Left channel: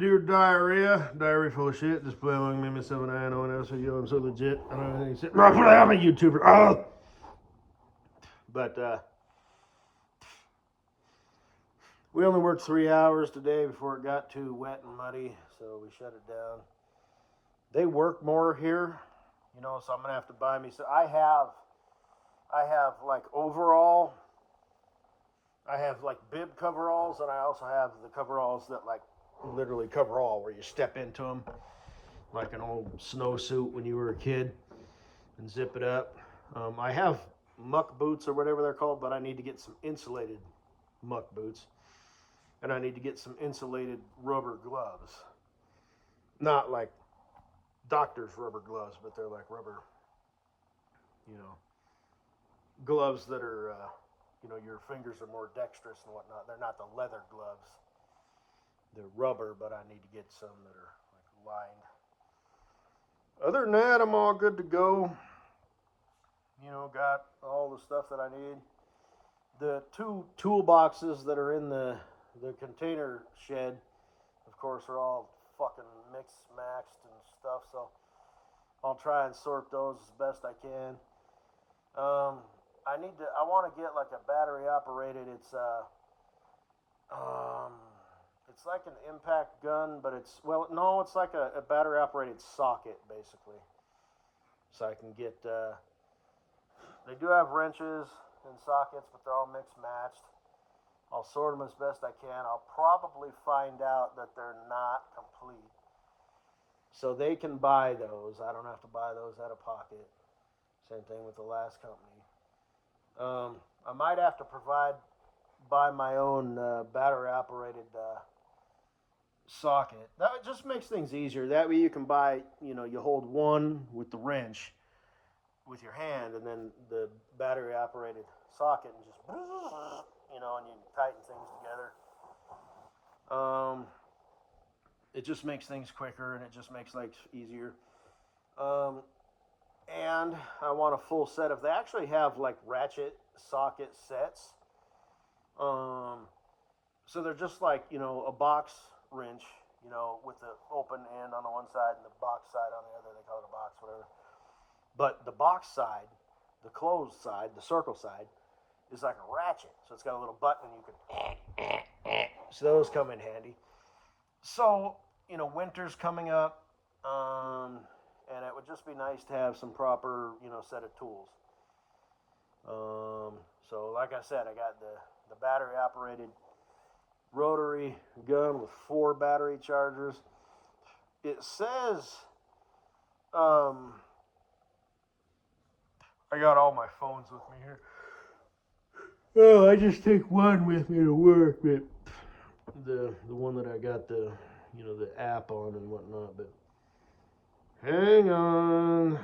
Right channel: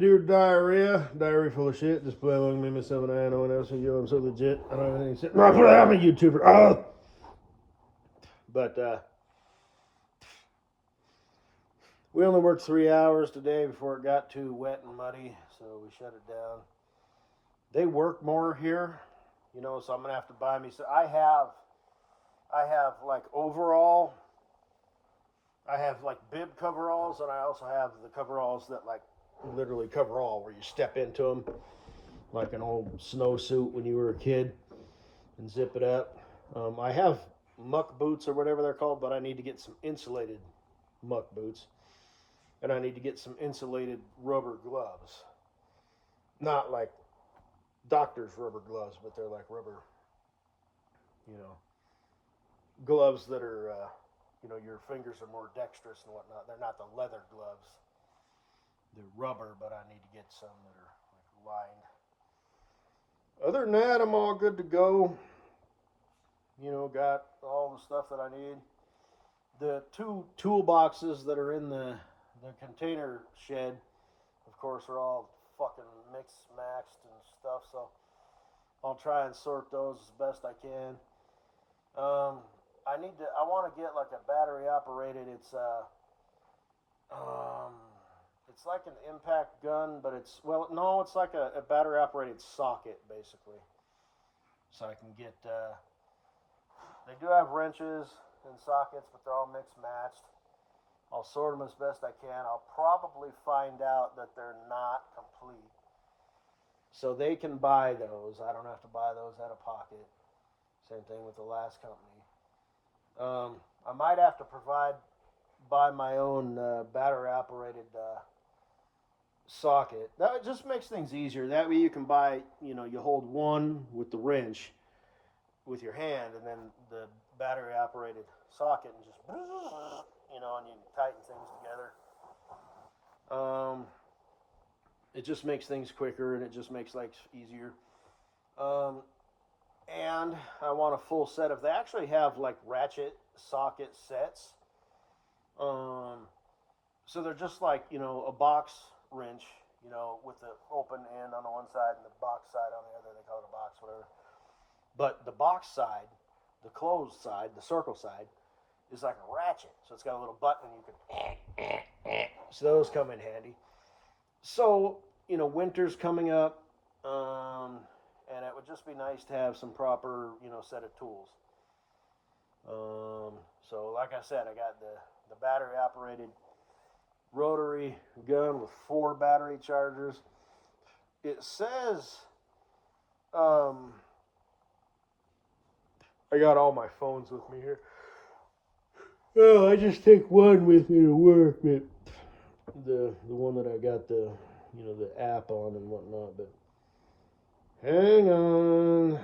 Dear diarrhea full of shit. Just play along me, myself, and I know one else. I'm so legit. I don't have anything to say. I'm a YouTuber. But we only worked 3 hours today before it got too wet and muddy, so we shut it down. They work more here, so I'm gonna have to buy me. So I have like overall. I have like bib coveralls, and I also have the coveralls that like literally cover all, where you step into them like an old snowsuit when you were a kid and zip it up. I have muck boots or whatever they're called, but I need to get some insulated muck boots, and I need to get some insulated rubber gloves. Not like doctor's rubber gloves, but they're like rubber, you know, gloves that are, your fingers are more dexterous and whatnot. They're not the leather gloves. They're rubber, but I need to get some that are like lined. Other than that, I'm all good to go. Got all the stuff that I need. The 2 toolboxes that are in the container shed, of course, are all fucking mixed, maxed and stuff. So I'll try and sort those as best I can. I want to get like a battery operated. It's like an impact gun, but it's like a battery operated socket basically. So I can get. They do have wrenches and sockets, but they're all mixed matched. I'll sort them as best I can. I'll probably find out that they're not complete. So they can buy those. I don't have to buy those out of pocket. Same thing with the last company. I might have to buy my own battery operated socket. That just makes things easier. That way you can buy, you hold one with the wrench with your hand, and then the battery operated socket, and just, and you tighten things together. It just makes things quicker, and it just makes life easier. And I want a full set of. They actually have like ratchet socket sets. So they're just like a box wrench, with the open end on the one side and the box side on the other. They call it a box, whatever. But the box side, the closed side, the circle side, is like a ratchet. So it's got a little button you can. So those come in handy. So winter's coming up, and it would just be nice to have some proper set of tools. So like I said, I got the battery operated rotary gun with 4 battery chargers. It says. I got all my phones with me here. Oh, I just take one with me to work, but the one that I got the app on and whatnot. But hang on.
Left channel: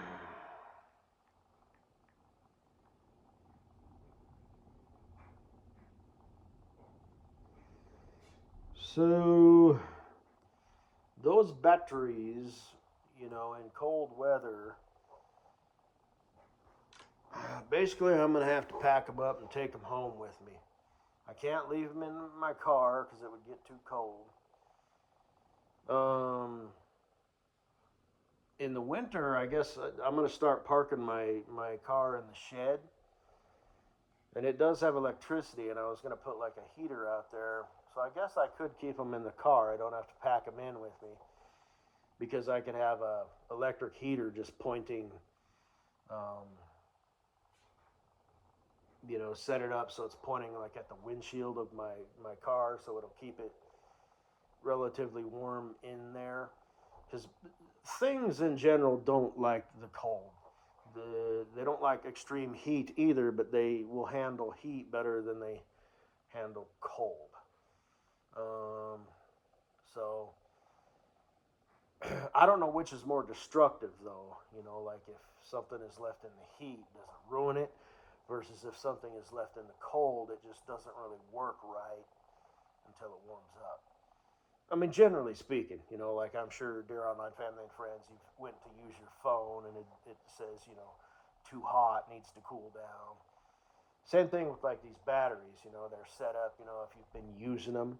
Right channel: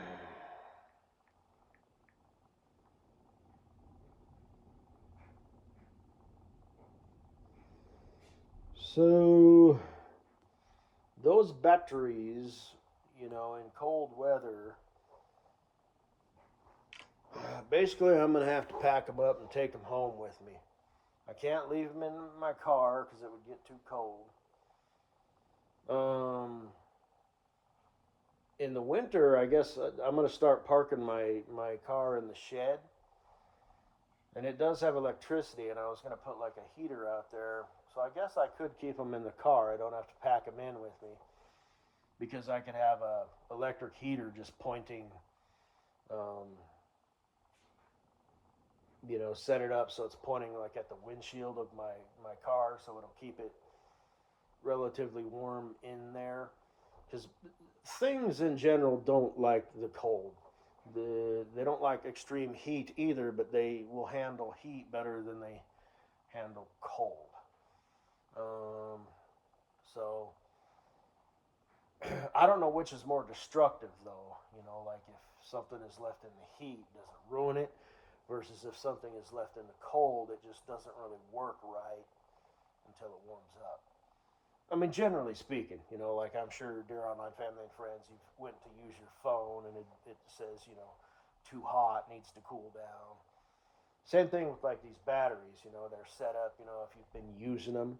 So those batteries, in cold weather. Basically, I'm going to have to pack them up and take them home with me. I can't leave them in my car because it would get too cold. In the winter, I guess I'm going to start parking my car in the shed. And it does have electricity, and I was going to put like a heater out there. So I guess I could keep them in the car. I don't have to pack them in with me. Because I can have a electric heater just pointing... set it up so it's pointing like at the windshield of my car, so it'll keep it relatively warm in there. Because things in general don't like the cold. They don't like extreme heat either, but they will handle heat better than they handle cold. So I don't know which is more destructive though. Like if something is left in the heat, does it ruin it? Versus if something is left in the cold, it just doesn't really work right until it warms up. I mean, generally speaking, like I'm sure dear online family and friends, you went to use your phone and it says, too hot, needs to cool down. Same thing with like these batteries, they're set up, if you've been using them,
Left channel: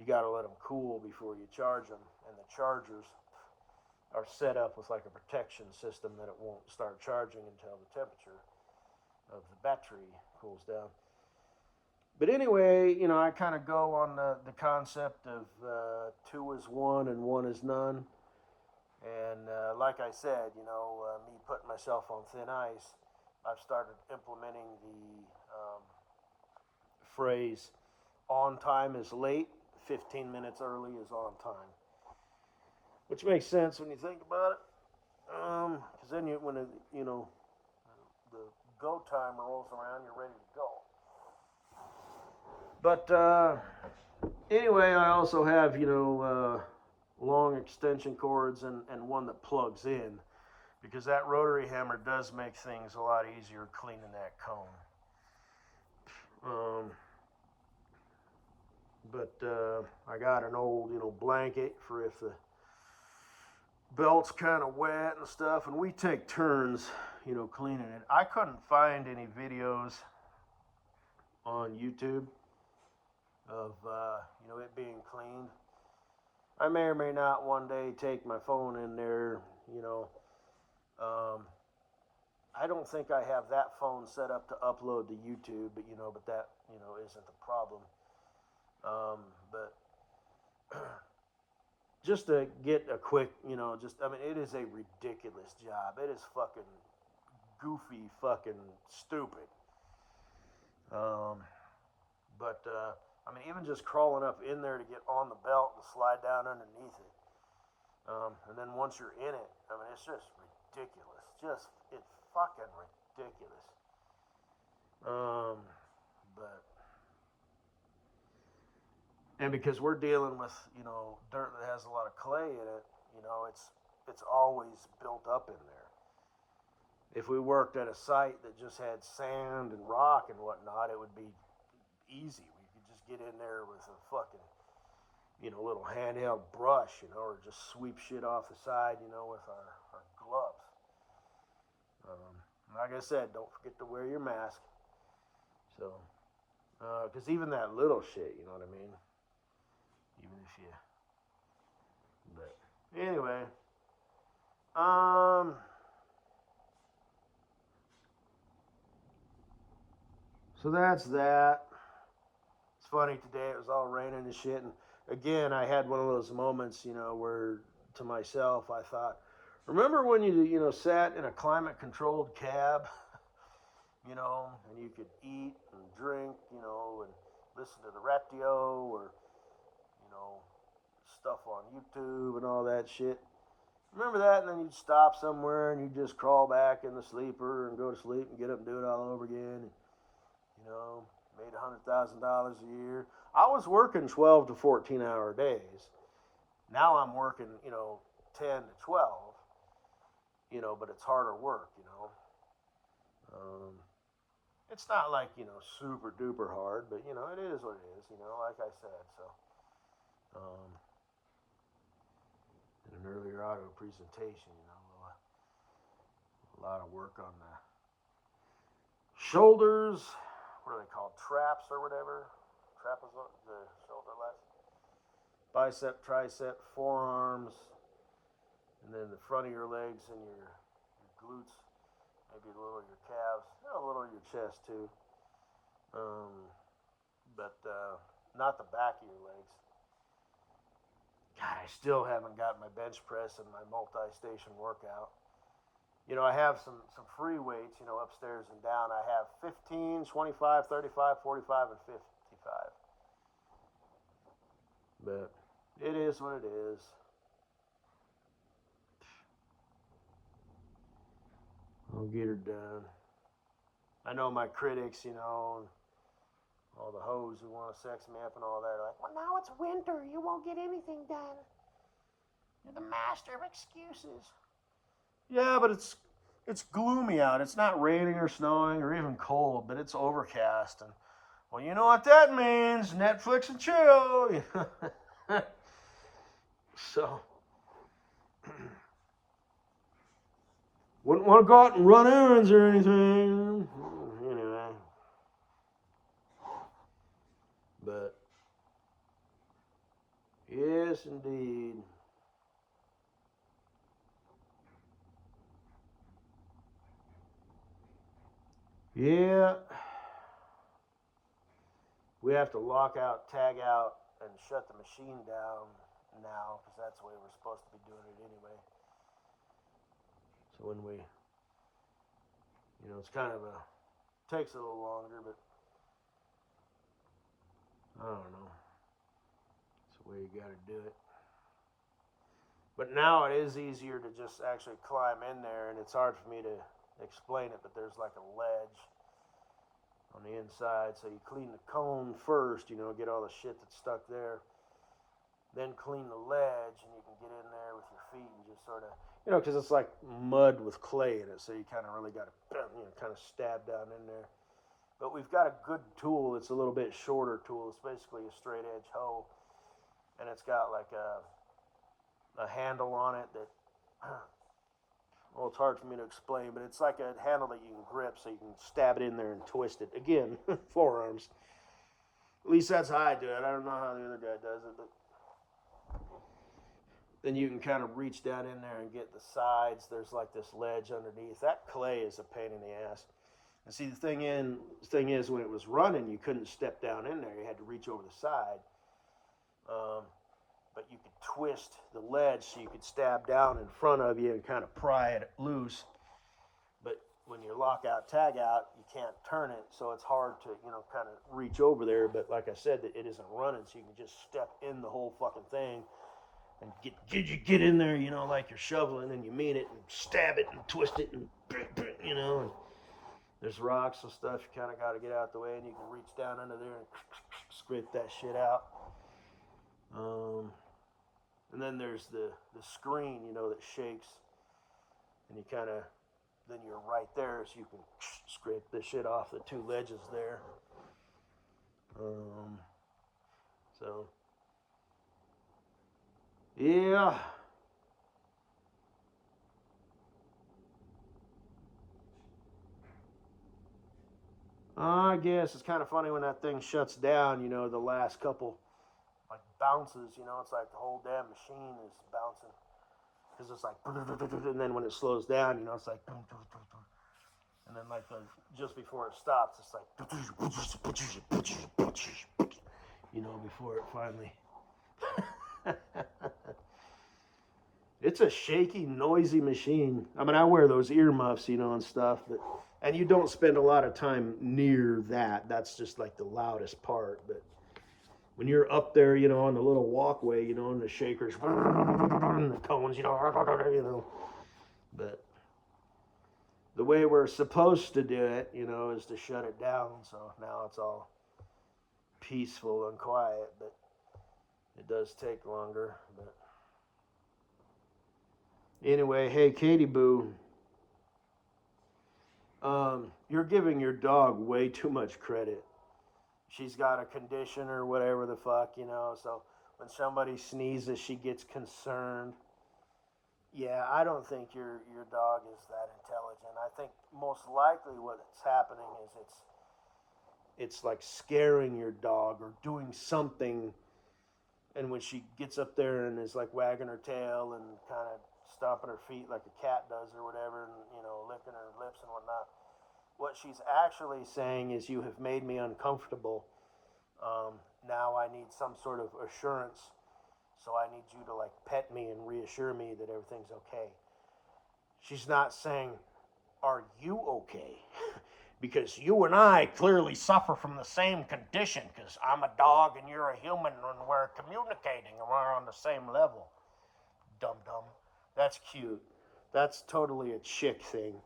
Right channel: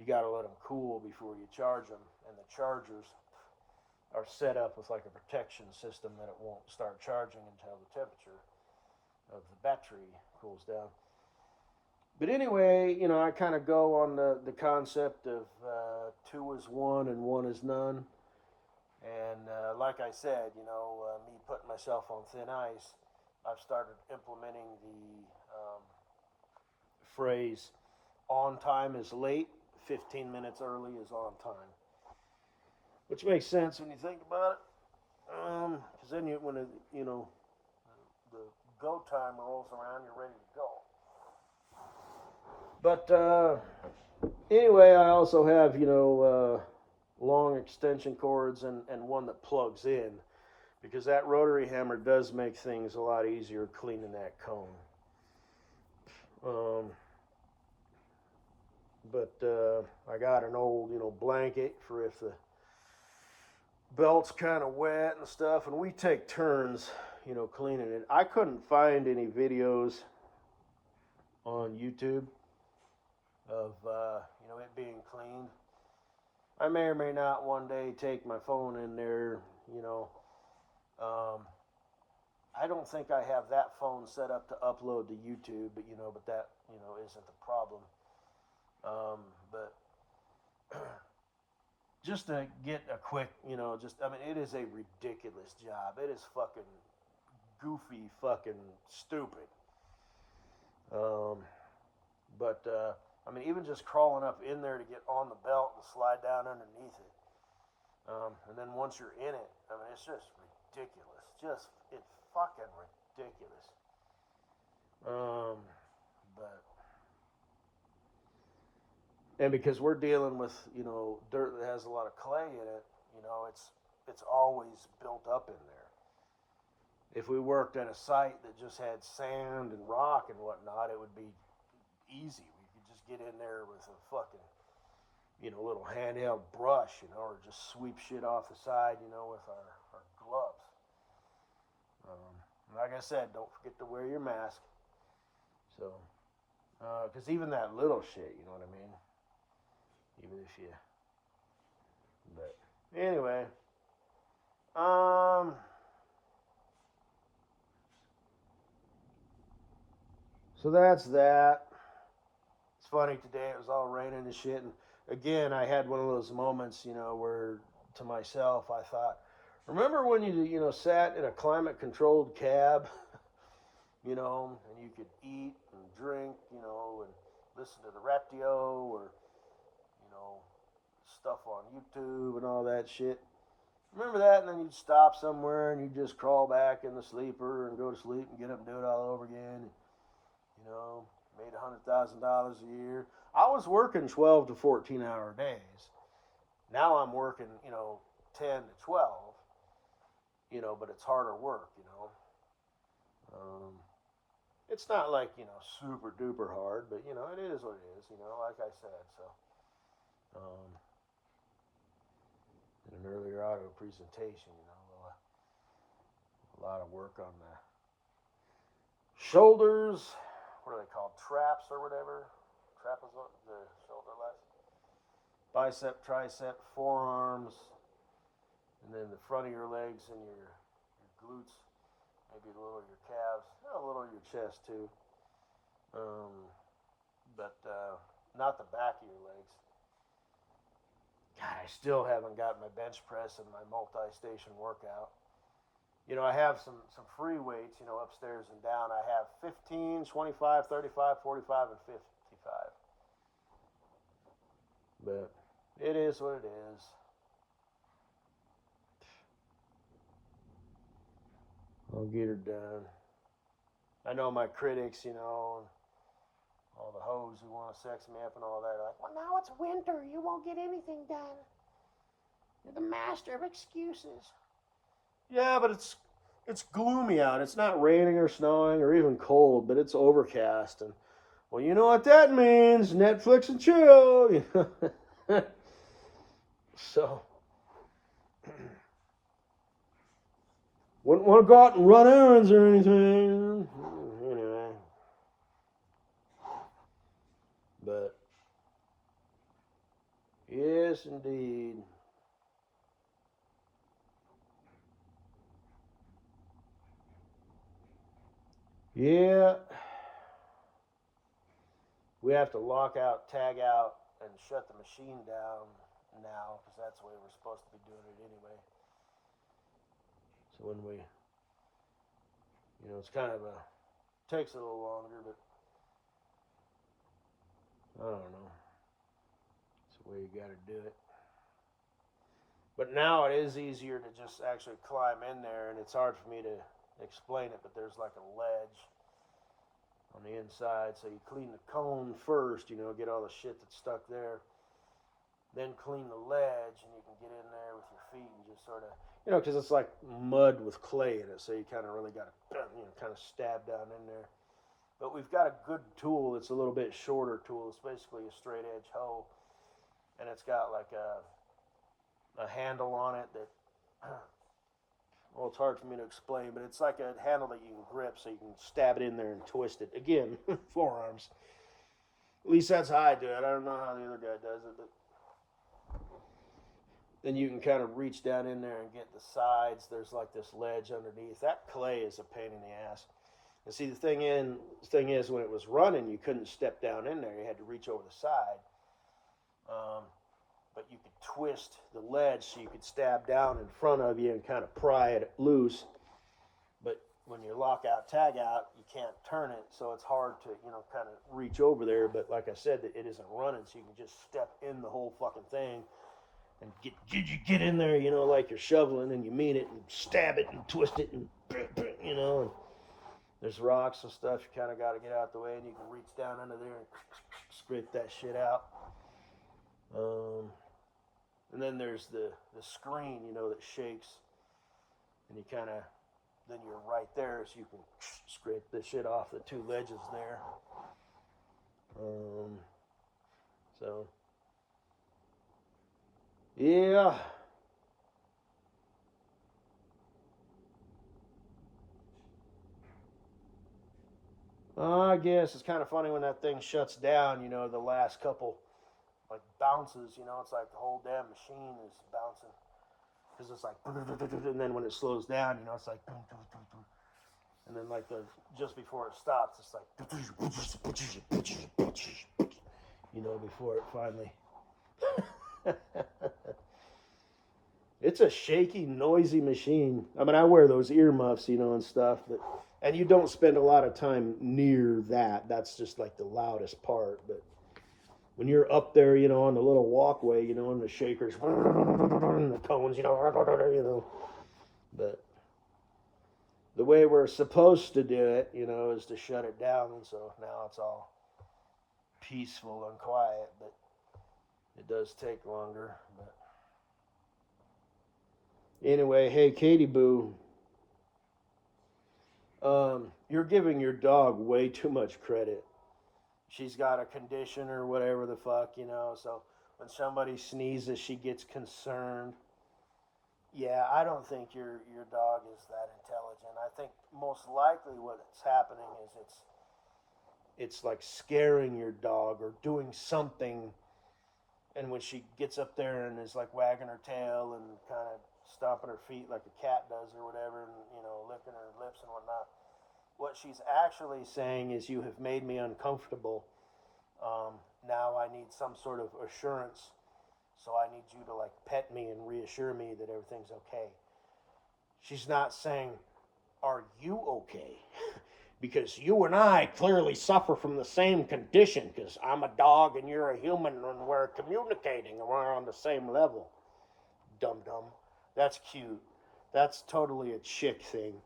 you got to let them cool before you charge them. And the chargers are set up with like a protection system that it won't start charging until the temperature of the battery cools down. But anyway, you know, I kind of go on the concept of 2 is 1 and 1 is none. And like I said, you know, me putting myself on thin ice, I've started implementing the phrase, on time is late, 15 minutes early is on time. Which makes sense when you think about it. Because then when the go time rolls around, you're ready to go. But anyway, I also have, long extension cords and one that plugs in, because that rotary hammer does make things a lot easier cleaning that cone. But I got an old, blanket for if the belt's kind of wet and stuff, and we take turns, cleaning it. I couldn't find any videos on YouTube of it being cleaned. I may or may not one day take my phone in there. I don't think I have that phone set up to upload to YouTube, but that isn't the problem. But just to get a quick, it is a ridiculous job. It is fucking goofy, fucking stupid. But even just crawling up in there to get on the belt and slide down underneath it. And then once you're in it, it's just ridiculous. It's fucking ridiculous. And because we're dealing with, dirt that has a lot of clay in it, it's always built up in there. If we worked at a site that just had sand and rock and whatnot, it would be easy. We could just get in there with a fucking, little handheld brush, or just sweep shit off the side, with our gloves. Like I said, don't forget to wear your mask. So, because even that little shit, you know what I mean? Even if you, but anyway, so that's that. It's funny, today it was all raining and shit, and again, I had one of those moments, where to myself I thought, remember when you sat in a climate-controlled cab, and you could eat and drink, and listen to the radio or stuff on YouTube and all that shit. Remember that? And then you'd stop somewhere and you'd just crawl back in the sleeper and go to sleep and get up and do it all over again. Made $100,000 a year. I was working 12 to 14 hour days. Now I'm working, 10 to 12, but it's harder work, It's not like, super duper hard, but, it is what it is, like I said, so. In an earlier auto presentation, a lot of work on the shoulders. What are they called? Traps or whatever. Trapezoid, the shoulder less. Bicep, tricep, forearms, and then the front of your legs and your glutes. Maybe a little of your calves, a little of your chest too. But not the back of your legs. God, I still haven't got my bench press and my multi-station workout. I have some free weights, upstairs and down. I have 15, 25, 35, 45, and 55. But it is what it is. I'll get her done. I know my critics, and all the hoes who want to sex me up and all that are like, well, now it's winter. You won't get anything done. You're the master of excuses. Yeah, but it's gloomy out. It's not raining or snowing or even cold, but it's overcast. And, well, you know what that means. Netflix and chill. So, wouldn't want to go out and run errands or anything. Anyway. But Yes, indeed. Yeah. We have to lock out, tag out, and shut the machine down now because that's the way we're supposed to be doing it anyway. So when we, it's kind of takes a little longer, but I don't know. It's the way you got to do it. But now it is easier to just actually climb in there, and it's hard for me to explain it, but there's like a ledge on the inside. So you clean the cone first, get all the shit that's stuck there. Then clean the ledge, and you can get in there with your feet and just sort of, because it's like mud with clay in it, so you kind of really got to, kind of stab down in there. But we've got a good tool. It's a little bit shorter tool. It's basically a straight edge hoe, and it's got like a handle on it that, well, it's hard for me to explain, but it's like a handle that you can grip so you can stab it in there and twist it. Again, forearms. At least that's how I do it. I don't know how the other guy does it, but then you can kind of reach down in there and get the sides. There's like this ledge underneath. That clay is a pain in the ass. And see, the thing is, when it was running, you couldn't step down in there. You had to reach over the side. But you could twist the ledge so you could stab down in front of you and kind of pry it loose. But when you lock out, tag out, you can't turn it, so it's hard to, kind of reach over there. But like I said, it isn't running, so you can just step in the whole fucking thing and get in there, like you're shoveling and you mean it, and stab it and twist it and, and there's rocks and stuff. You kind of got to get out the way, and you can reach down under there and scrape that shit out. And then there's the screen, that shakes, and you kind of, then you're right there, so you can scrape the shit off the two ledges there. So, yeah. I guess it's kind of funny when that thing shuts down, the last couple like bounces, it's like the whole damn machine is bouncing because it's like, and then when it slows down, it's like, and then like just before it stops, it's like, before it finally. It's a shaky, noisy machine. I mean, I wear those earmuffs, and stuff, and you don't spend a lot of time near that. That's just like the loudest part, but when you're up there, on the little walkway, and the shakers, and the cones, but the way we're supposed to do it, is to shut it down. So now it's all peaceful and quiet, but it does take longer. But anyway, hey, Katie Boo, you're giving your dog way too much credit. She's got a condition or whatever the fuck, so when somebody sneezes, she gets concerned. Yeah, I don't think your dog is that intelligent. I think most likely what's happening is it's like scaring your dog or doing something, and when she gets up there and is like wagging her tail and kind of stomping her feet like a cat does or whatever, and licking her lips and whatnot, what she's actually saying is, you have made me uncomfortable. Now I need some sort of assurance. So I need you to like pet me and reassure me that everything's okay. She's not saying, are you okay? Because you and I clearly suffer from the same condition, because I'm a dog and you're a human and we're communicating and we're on the same level. Dum-dum. That's cute. That's totally a chick thing.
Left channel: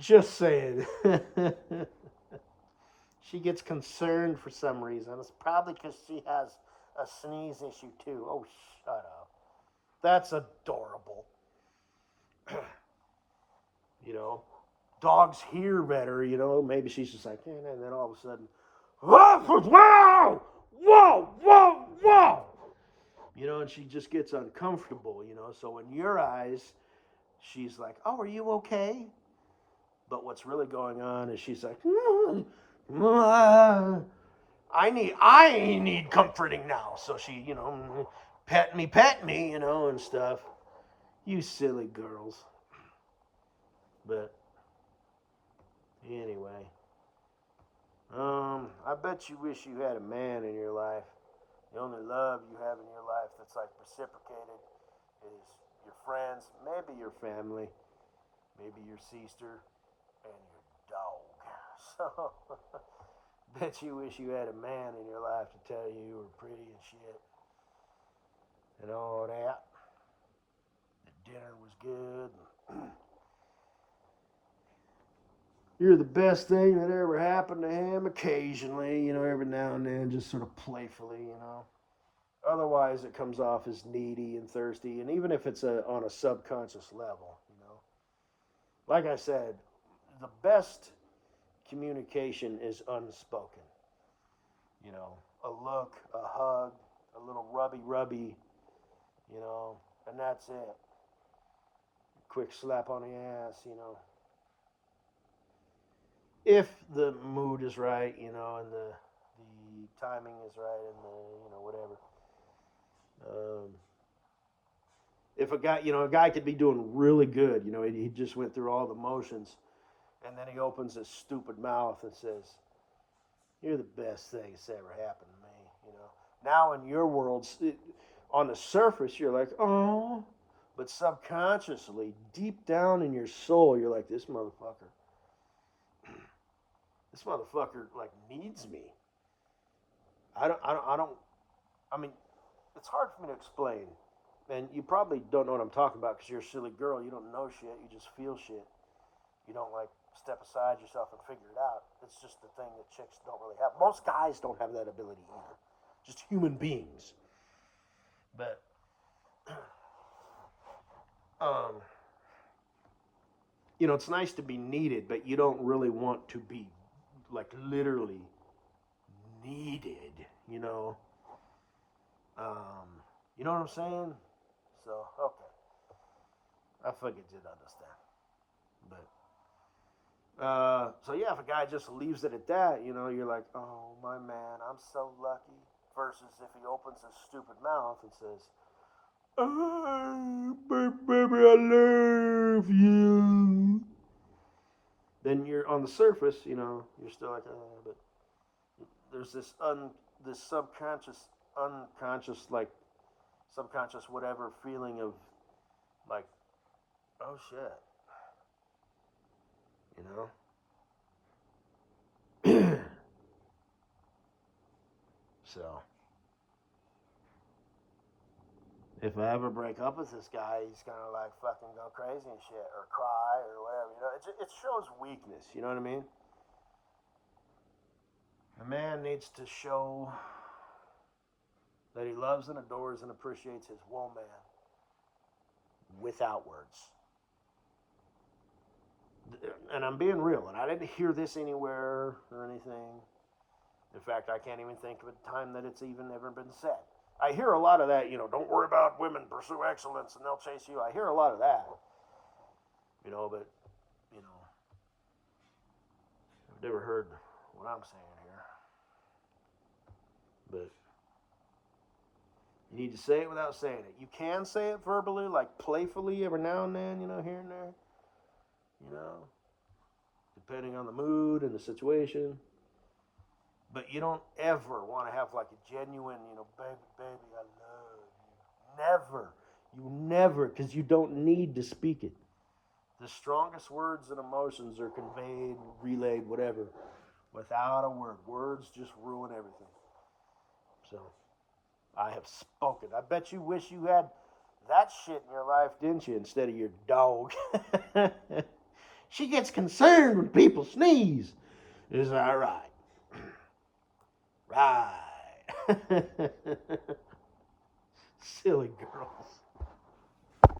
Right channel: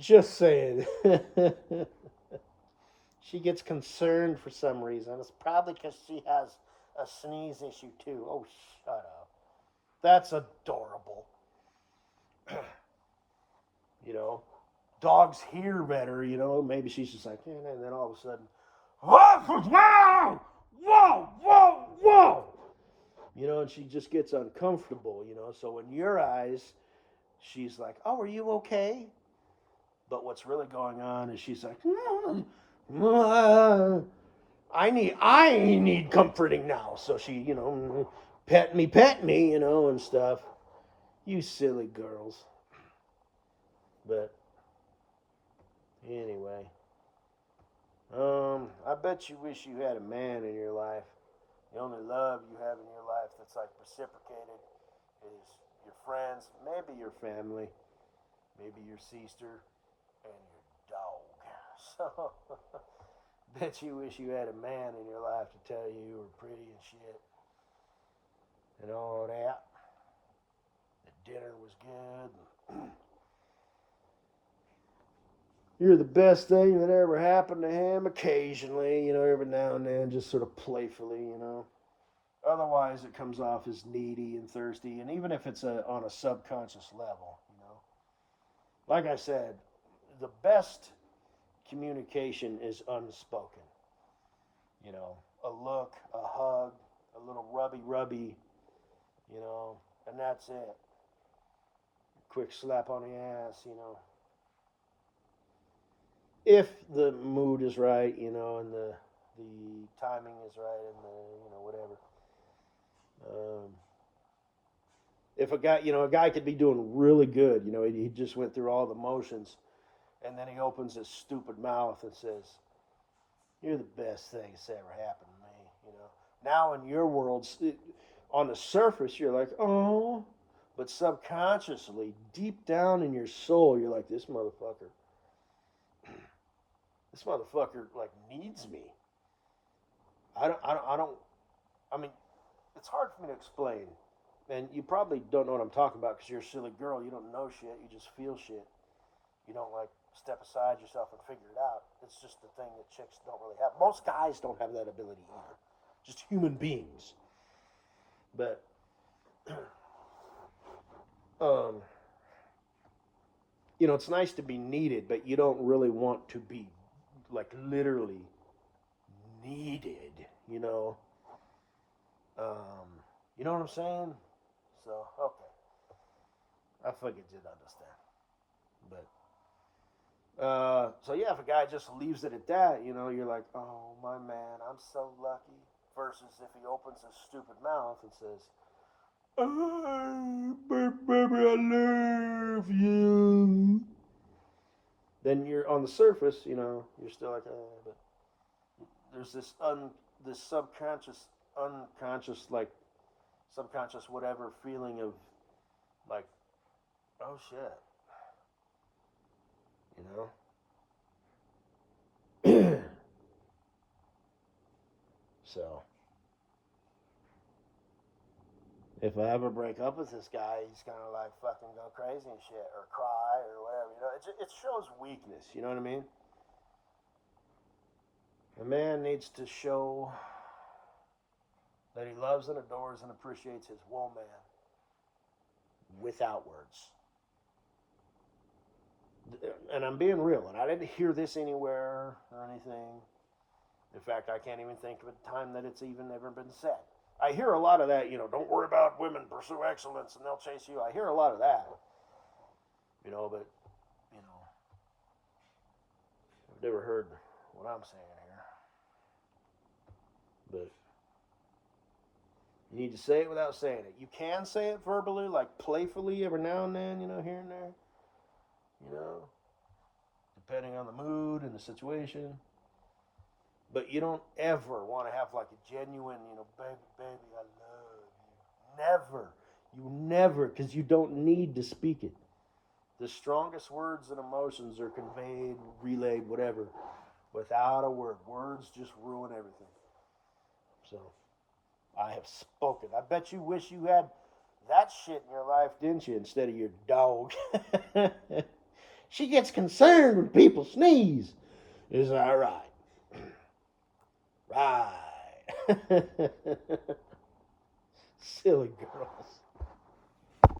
Just saying. She gets concerned for some reason. It's probably because she has a sneeze issue too. Oh, shut up. That's adorable. Dogs hear better, Maybe she's just like, yeah, and then all of a sudden, whoa, whoa, whoa, whoa, whoa. And she just gets uncomfortable, So in your eyes, she's like, oh, are you okay? But what's really going on is she's like, I need comforting now. So she, pet me, and stuff. You silly girls. But anyway, I bet you wish you had a man in your life. The only love you have in your life that's like reciprocated is your friends, maybe your family, maybe your sister, and your dog. So, bet you wish you had a man in your life to tell you were pretty and shit and all that. The dinner was good. You're the best thing that ever happened to him. Occasionally, every now and then, just sort of playfully. Otherwise, it comes off as needy and thirsty, and even if it's on a subconscious level. Like I said, the best communication is unspoken. A look, a hug, a little rubby, and that's it. Quick slap on the ass. If the mood is right, and the timing is right, and the whatever. If a guy could be doing really good, he just went through all the motions, and then he opens his stupid mouth and says, "You're the best thing that's ever happened to me." Now in your world, on the surface, you're like, "Oh," but subconsciously, deep down in your soul, you're like, "This motherfucker." This motherfucker like needs me. I mean, it's hard for me to explain. And you probably don't know what I'm talking about because you're a silly girl. You don't know shit. You just feel shit. You don't like step aside yourself and figure it out. It's just the thing that chicks don't really have. Most guys don't have that ability either. Just human beings. But it's nice to be needed, but you don't really want to be like literally needed, you know what I'm saying? So, okay. I figured you'd understand. But, so yeah, if a guy just leaves it at that, you're like, "Oh, my man, I'm so lucky." Versus if he opens his stupid mouth and says, "Oh, baby, I love you." Then you're on the surface, you're still like, "Oh," but there's this subconscious whatever feeling of like, "Oh shit," So if I ever break up with this guy, he's gonna like fucking go crazy and shit, or cry, or whatever. It shows weakness. You know what I mean? A man needs to show that he loves and adores and appreciates his woman without words. And I'm being real, and I didn't hear this anywhere or anything. In fact, I can't even think of a time that it's even ever been said. I hear a lot of that, don't worry about women, pursue excellence, and they'll chase you. I hear a lot of that, but, I've never heard what I'm saying here. But you need to say it without saying it. You can say it verbally, like playfully every now and then, here and there, depending on the mood and the situation. But you don't ever want to have like a genuine, baby, I love you. Never. You never, because you don't need to speak it. The strongest words and emotions are conveyed, relayed, whatever, without a word. Words just ruin everything. So, I have spoken. I bet you wish you had that shit in your life, didn't you, instead of your dog. She gets concerned when people sneeze. Is that right? Right. Silly girls.